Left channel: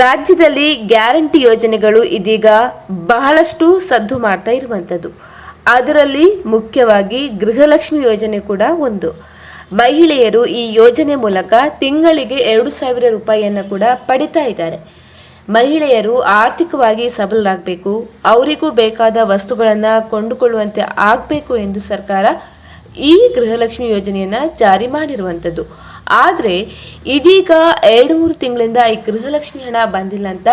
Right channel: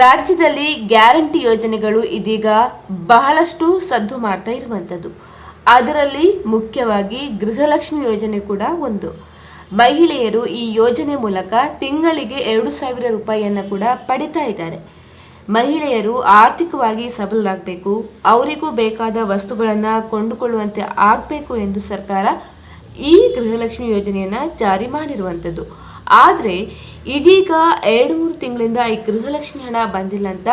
ರಾಜ್ಯದಲ್ಲಿ ಗ್ಯಾರಂಟಿ ಯೋಜನೆಗಳು ಇದೀಗ ಬಹಳಷ್ಟು ಸದ್ದು ಮಾಡ್ತಾ ಇರುವಂಥದ್ದು. ಅದರಲ್ಲಿ ಮುಖ್ಯವಾಗಿ ಗೃಹಲಕ್ಷ್ಮಿ ಯೋಜನೆ ಕೂಡ ಒಂದು. ಮಹಿಳೆಯರು ಈ ಯೋಜನೆ ಮೂಲಕ ತಿಂಗಳಿಗೆ 2,000 ರೂಪಾಯಿಯನ್ನು ಕೂಡ ಪಡಿತಾ ಇದ್ದಾರೆ. ಮಹಿಳೆಯರು ಆರ್ಥಿಕವಾಗಿ ಸಬಲರಾಗಬೇಕು, ಅವರಿಗೂ ಬೇಕಾದ ವಸ್ತುಗಳನ್ನು ಕೊಂಡುಕೊಳ್ಳುವಂತೆ ಆಗಬೇಕು ಎಂದು ಸರ್ಕಾರ ಈ ಗೃಹಲಕ್ಷ್ಮಿ ಯೋಜನೆಯನ್ನು ಜಾರಿ ಮಾಡಿರುವಂಥದ್ದು. ಆದರೆ ಇದೀಗ 2-3 ತಿಂಗಳಿಂದ ಈ ಗೃಹಲಕ್ಷ್ಮಿ ಹಣ ಬಂದಿಲ್ಲ ಅಂತ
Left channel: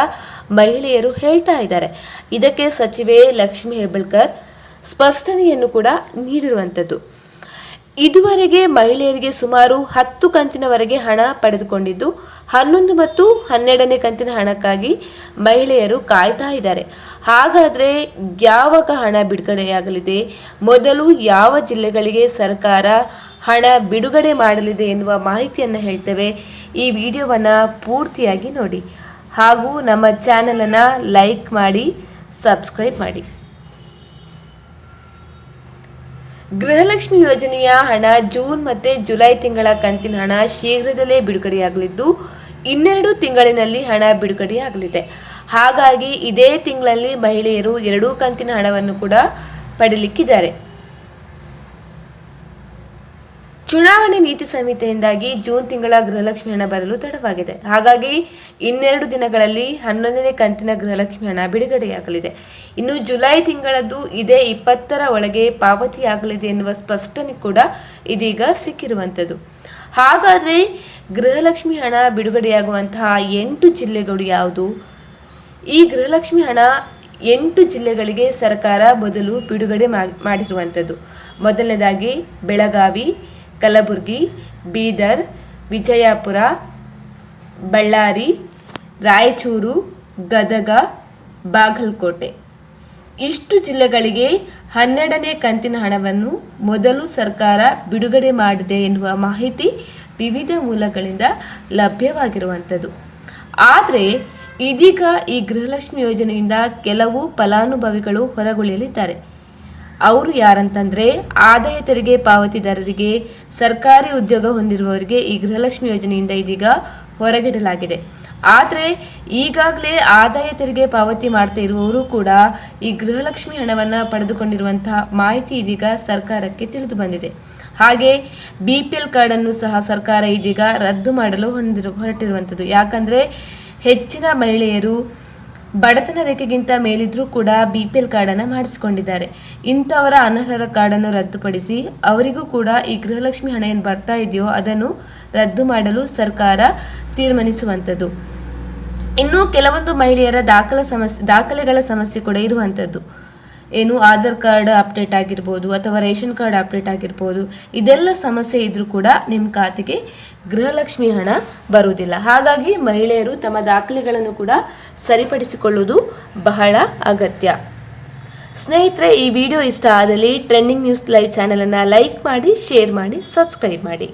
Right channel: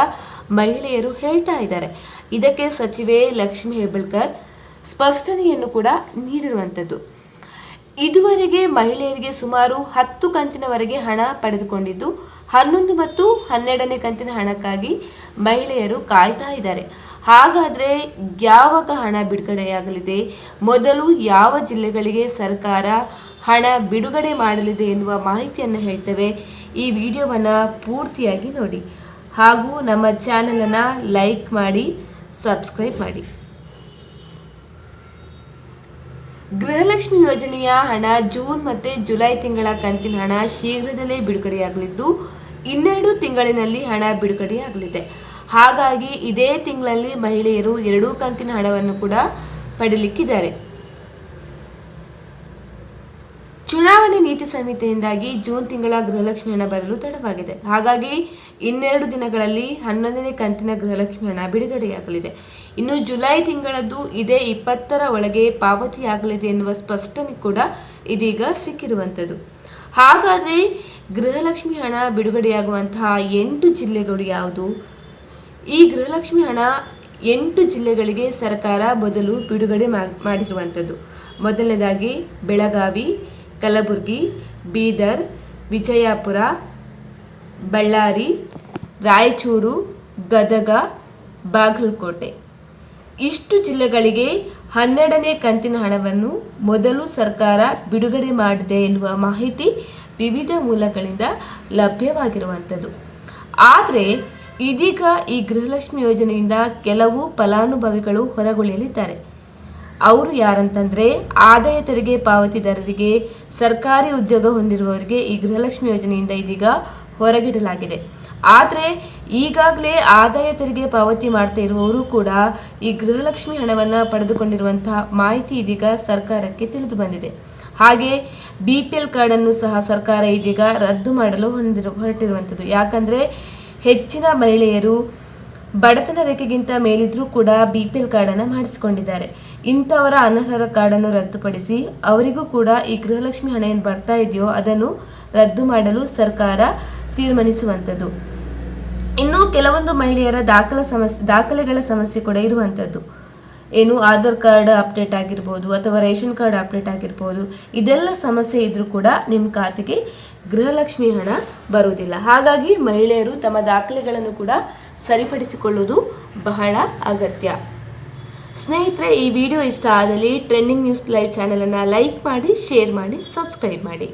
ಮಹಿಳೆಯರು ಹೇಳ್ತಾ ಇದ್ದಾರೆ. ಇದಕ್ಕೆ ಸಚಿವೆ ಲಕ್ಷ್ಮಿ ಹೆಬ್ಬಾಳ್ಕರ್ ಸ್ಪಷ್ಟನೆಯನ್ನು ಕೂಡ ನೀಡಿರುವಂಥದ್ದು. ಇದುವರೆಗೆ ಮಹಿಳೆಯರಿಗೆ ಸುಮಾರು 10 ಕಂತಿನವರೆಗೆ ಹಣ ಪಡೆದುಕೊಂಡಿದ್ದು 11 ಮತ್ತು 12ನೇ ಕಂತಿನ ಹಣಕ್ಕಾಗಿ ಮಹಿಳೆಯರು ಕಾಯ್ತಾ ಇದ್ದಾರೆ. ಹಾಗಾದರೆ ಯಾವಾಗ ಹಣ ಬಿಡುಗಡೆಯಾಗಲಿದೆ, ಮೊದಲು ಯಾವ ಜಿಲ್ಲೆಗಳಿಗೆ ಸರ್ಕಾರ ಹಣ ಬಿಡುಗಡೆ ಮಾಡಲಿದೆ ಎನ್ನುವ ಮಾಹಿತಿಯನ್ನು ಹೇಳ್ತೇವೆ. ಈ ವಿಡಿಯೋವನ್ನು ಪೂರ್ತಿಯಾಗಿ ನೋಡಿ ಹಾಗೂ ನಮ್ಮ ಚಾನಲನ್ನು ಲೈಕ್ ಮಾಡಿ, ಸಬ್ಸ್ಕ್ರೈಬ್ ಮಾಡಿ. ಗೃಹಲಕ್ಷ್ಮಿ ಯೋಜನೆಯ ಹಣ ಜೂನ್ ಮತ್ತು ಜುಲೈ ತಿಂಗಳ ಕಂತಿನ ಹಣ ಶೀಘ್ರದಲ್ಲೇ ಬಿಡುಗಡೆಯಾಗಲಿದ್ದು 12 ತಿಂಗಳಿನಲ್ಲಿ ಹಣ ಬಿಡುಗಡೆಯಾಗಲಿದೆ. ಹಾಗಾಗಿ ಇದೇ ತಿಂಗಳಲ್ಲಿ ಮಹಿಳೆಯರು 2 ಕಂತಿನ ಹಣವನ್ನು ಕೂಡ ಪಡೆಯಲಿಕ್ಕಿದ್ದಾರೆ. ಚುನಾವಣೆ ನೀತಿ ಸಂಹಿತೆಯಿಂದಾಗಿ ಜೂನ್ ತಿಂಗಳ ಗೃಹಲಕ್ಷ್ಮಿ ಹಣ ಬರಲು ತಡವಾಗಿದೆ. ಹಾಗಾಗಿ 2 ದಿನಗಳಲ್ಲಿ 11ನೇ ಕಂತಿನ ಗೃಹಲಕ್ಷ್ಮಿ ಹಣ ಬಿಡುಗಡೆಯಾಗಲಿದೆ. ಇನ್ನು ಜುಲೈ ತಿಂಗಳದ್ದು ಇದೇ 20ರ ಒಳಗೆ ಪಾವತಿಯಾಗಲಿದೆ ಎನ್ನುವ ಸ್ಪಷ್ಟನೆ ಕೂಡ ಇದೀಗ ಸಿಕ್ಕಿರುವಂಥದ್ದು. ಹಾಗಾದರೆ ಗೃಹಲಕ್ಷ್ಮಿ ಹಣ ಬಿಡುಗಡೆಯಾಗುವಂತಹ 8 ಜಿಲ್ಲೆಗಳು ಯಾವುದು? ಈ ಗೃಹಲಕ್ಷ್ಮಿ ಹಣ 8 ಜಿಲ್ಲೆಗಳಿಗೆ ಸರ್ಕಾರ ಮೊದಲು ಬಿಡುಗಡೆ ಮಾಡಿರುವಂಥದ್ದು. ಮೊದಲನೇದಾಗಿ ಬೆಳಗಾವಿ, ಕಲಬುರಗಿ, ಬೀದರ್, ವಿಜಯಪುರ, ಬಳ್ಳಾರಿ, ರಾಯಚೂರು, ಗದಗ, ಬಾಗಲಕೋಟೆ. ಇಷ್ಟು ಜಿಲ್ಲೆಗಳಿಗೆ 12ನೇ ಕಂತಿನ ಹಣವನ್ನು ಮೊದಲು ಸರ್ಕಾರ ಬಿಡುಗಡೆ ಮಾಡಿದೆ ಎನ್ನುವ ಮಾಹಿತಿ ವಿವಿಧ ಮೂಲಗಳಿಂದ ಲಭ್ಯವಾಗಿರುವಂಥದ್ದು. ಆದರೆ ಇದೀಗ ಈ ಗೃಹಲಕ್ಷ್ಮಿ ಯೋಜನೆಯಿಂದ ಕೆಲವು ಫಲಾನುಭವಿಗಳು ಹೊರಗುಳಿಯಲಿದ್ದಾರೆ. ಅವರು ಯಾರಂತಂದರೆ ಆದಾಯ ತೆರಿಗೆ ಪಾವತಿದಾರರಿಗೆ, ಸರ್ಕಾರಿ ಉದ್ಯೋಗ ಹೊಂದಿರುವವರಿಗೆ ಈ ಗೃಹಲಕ್ಷ್ಮಿ ಯೋಜನೆಯಿಂದ ಇದೀಗ ಹೊರಗಿಡಲಾಗಿದೆ. ಆದರೆ ಈಗಾಗಲೇ ಆದಾಯ ತೆರಿಗೆ ಪಾವತಿ ಮಾಡ್ತಾ ಇರುವವರು ಕೂಡ ಈ ಗೃಹಲಕ್ಷ್ಮಿ ಹಣವನ್ನು ಪಡೆದುಕೊಂಡಿರುವಂತಹ ಮಾಹಿತಿ ಇದೀಗ ಸರ್ಕಾರಕ್ಕೆ ತಿಳಿದು ಬಂದಿದೆ. ಹಾಗೆ BPL ಕಾರ್ಡನ್ನು ಸಹ ಸರ್ಕಾರ ಇದೀಗ ರದ್ದು ಮಾಡಲು ಹೊರಟಿರುವಂಥದ್ದು. ಯಾಕಂದರೆ ಹೆಚ್ಚಿನ ಮಹಿಳೆಯರು ಬಡತನ ರೇಖೆಗಿಂತ ಮೇಲಿದ್ರೂ ಕೂಡ BPL ಕಾರ್ಡನ್ನು ಮಾಡಿಸಿಕೊಂಡಿದ್ದಾರೆ. ಇಂಥವರ ಅನರ್ಹರ ಕಾರ್ಡನ್ನು ರದ್ದುಪಡಿಸಿ ಅವರಿಗೂ ಕೂಡ ಈ ಗೃಹಲಕ್ಷ್ಮಿ ಹಣ ಏನು ಬರ್ತಾ ಇದೆಯೋ ಅದನ್ನು ರದ್ದು ಮಾಡಲು ಸರ್ಕಾರ ತೀರ್ಮಾನಿಸುವಂಥದ್ದು. ಇನ್ನು ಕೆಲವೊಂದು ಮಹಿಳೆಯರ ದಾಖಲೆಗಳ ಸಮಸ್ಯೆ ಕೂಡ ಇರುವಂಥದ್ದು. ಏನು ಆಧಾರ್ ಕಾರ್ಡ್ ಅಪ್ಡೇಟ್ ಆಗಿರ್ಬೋದು ಅಥವಾ ರೇಷನ್ ಕಾರ್ಡ್ ಅಪ್ಡೇಟ್ ಆಗಿರ್ಬೋದು, ಇದೆಲ್ಲ ಸಮಸ್ಯೆ ಇದ್ರೂ ಕೂಡ ನಿಮ್ಮ ಖಾತೆಗೆ ಗೃಹಲಕ್ಷ್ಮಿ ಹಣ ಬರುವುದಿಲ್ಲ. ಹಾಗಾಗಿ ಮಹಿಳೆಯರು ತಮ್ಮ ದಾಖಲೆಗಳನ್ನು ಕೂಡ ಸರಿಪಡಿಸಿಕೊಳ್ಳುವುದು ಬಹಳ ಅಗತ್ಯ. ಸ್ನೇಹಿತರೆ, ಈ ವಿಡಿಯೋ ಇಷ್ಟ ಆದಲ್ಲಿ ಟ್ರೆಂಡಿಂಗ್ ನ್ಯೂಸ್ ಲೈವ್ ಚಾನಲನ್ನು ಲೈಕ್ ಮಾಡಿ, ಶೇರ್ ಮಾಡಿ, ಸಬ್ಸ್ಕ್ರೈಬ್ ಮಾಡಿ.